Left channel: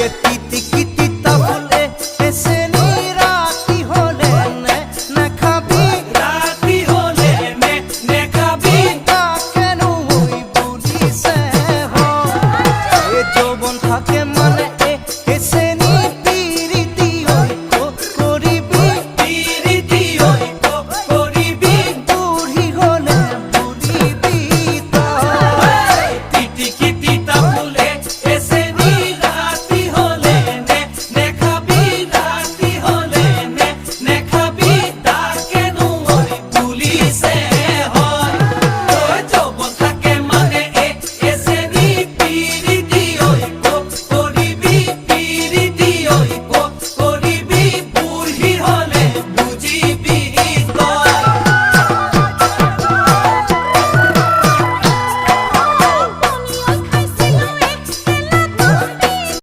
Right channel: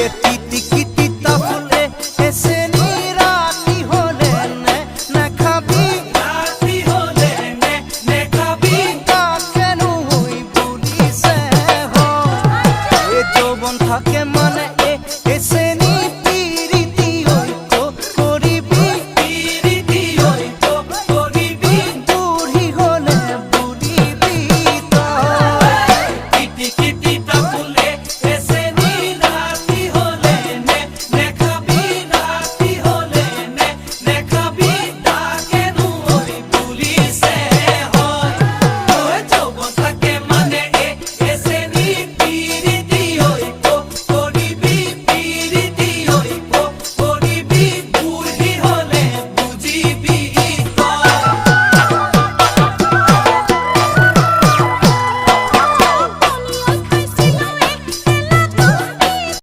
এ তিতি কিতি তাফুলে এসে নিরাতি হলে নে খাবি রাতি হলে নে খাবি তা কেন হই বলিছে হ এ যৌবন থাকে মানে এসে